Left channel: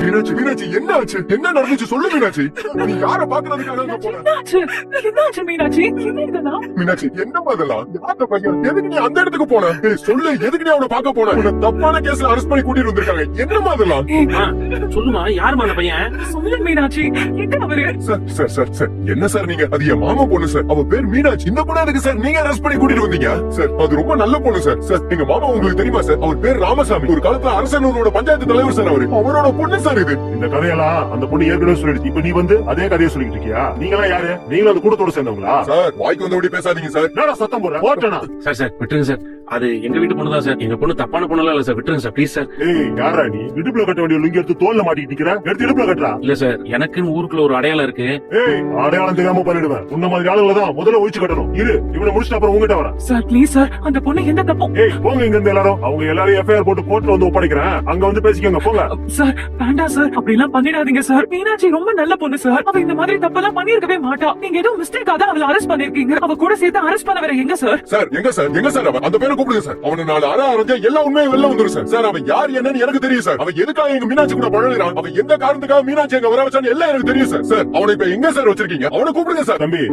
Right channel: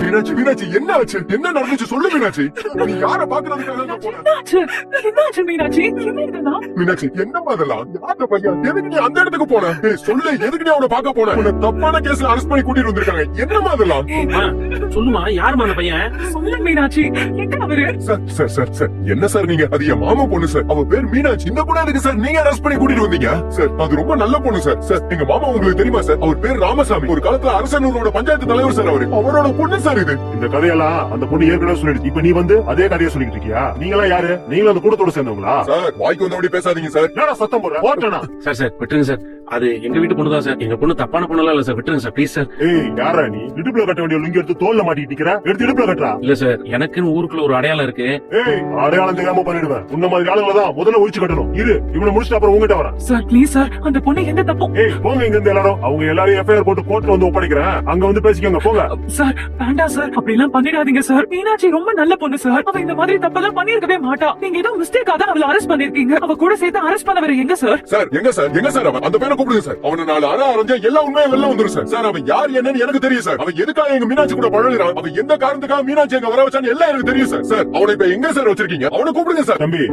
மீனாட்சி மீனாட்சி என்ன ஆச்சு? என்ன நடந்துச்சு சொல்லு மீனாட்சி. நீ யார பாக்குறதுக்காக போன? என்னாச்சு மீனாட்சி? என்ன இதெல்லாம்? மீனாட்சி என்னமா இதெல்லாம்? யார்ட்ட பையன்? எதுக்கு நீ அந்த இடத்துக்கு போன? சொல்லு, எதுக்கு நீ அவனை பார்க்க போன? உன்னை தப்பான கேஸ்ல அரெஸ்ட் பண்ணி கூட்டிட்டு வந்திருக்காங்க. என்னமா இதெல்லாம்? சொல்லுமா, யாருமா அந்த பையன்? சொல்லு மீனாட்சி, எங்க அவரு? சார் என்ன சார் நீங்க? அது என் மாமா பொண்ணு சார். அவ பேர் மீனாட்சி. இந்த பொண்ணு எதுக்கு சார் நீங்க அரெஸ்ட் பண்ணி கூட்டிட்டு வந்தீங்க? சார் அது ரொம்ப நல்ல பொண்ணு சார். சார் எங்க மாமா உங்களுக்கு தெரியுமா சார்? அவர் பேர் ராமசாமி. ஒரு காலத்துல அரசனூரோட பஞ்சாயத்து தலைவர் சார். அவரோட பொண்ணு சார் இது. இந்த கதையெல்லாம் அந்த பொண்ணு ஏற்கனவே சொல்லிடுச்சு. இப்ப நீ வந்து அதே கதையை சொல்லிட்டு இருக்கியா? நீங்களா யாரு? நீங்களும் அந்த கூட்டத்தோட சேர்ந்தவங்களா? சார் வாய்க்கு வந்தபடி பேசாதீங்க சார். நான் சத்தம் போடுறேன் ஓட்டனா? சார் விட்டுருங்க சார். அது எங்க வீட்டு பொண்ணுதான் சார். எங்க பொண்ணு தப்பான பொண்ணுலாம் இல்ல சார். விட்டுருங்க சார் ப்ளீஸ் சார். ஏய் யாரா நீ? இடுப்புல கட்ட வேண்டிய லுங்கி எடுத்து தோல்ல மாட்டிட்டு நிக்கிற. எடுத்து இடுப்புல கட்டுறா. இல்ல சார், எனக்குன்னு ஊருக்குள்ள ஒரு அடையாளம் இருக்கு. ஏய் அடையாளம் தெரியாம பண்ணிடுவேன். உன்ன மாதிரி ஆளுங்களை தான் முதல்ல ஒழிச்சு கட்டணும். இரு இவனை முடிச்சுட்டு அப்புறம் உங்ககிட்ட வரேன். சார் ப்ளீஸ் சார், அந்த பொண்ணு எந்த தப்பும். ஏய் போங்க இங்க இருந்து எல்லாரும். அவங்க எல்லாரும் எஃப்ஐஆர் போட்டு கோர்ட்ல வந்து ஒப்படைக்கிறேன். அங்க வந்து பேசிக்கங்க போங்க. சார் வேண்டாம் சார், அப்படி எல்லாம் பண்ணிடாதீங்க சார். மீனாட்சி ரொம்ப நல்ல பொண்ணு சார். அவ இந்த மாதிரி தப்பெல்லாம் பண்ணிருக்கவே மாட்டா. நீங்க ஏதோ மிஸ்டேக்கா தான் அவளை அரெஸ்ட் பண்ணிருக்கீங்க. அவ கூட சேர்த்து அரெஸ்ட் பண்ண வேற எங்க சார்? சார் எங்க சார் அவன்? அந்த பேரை கூப்பிடுங்க சார். அவனை நாலு அரைஞ்சா எல்லா உண்மையும் வெளில வந்துரும் சார். சார் அவன் யார் என்னன்னு எனக்கு தெரியும் சார். அவன் எதுக்காக எங்க மீனாட்சி கூட பழகுறான், அவன் எந்த காரணத்துக்காக மீனாட்சி எங்க வர வச்சான்னு எல்லாம் எனக்கு தெரியும் சார். சார் அவனை இப்ப எங்க சார் வச்சிருக்கீங்க? அவனை கூப்பிடுங்க சார். தம்பி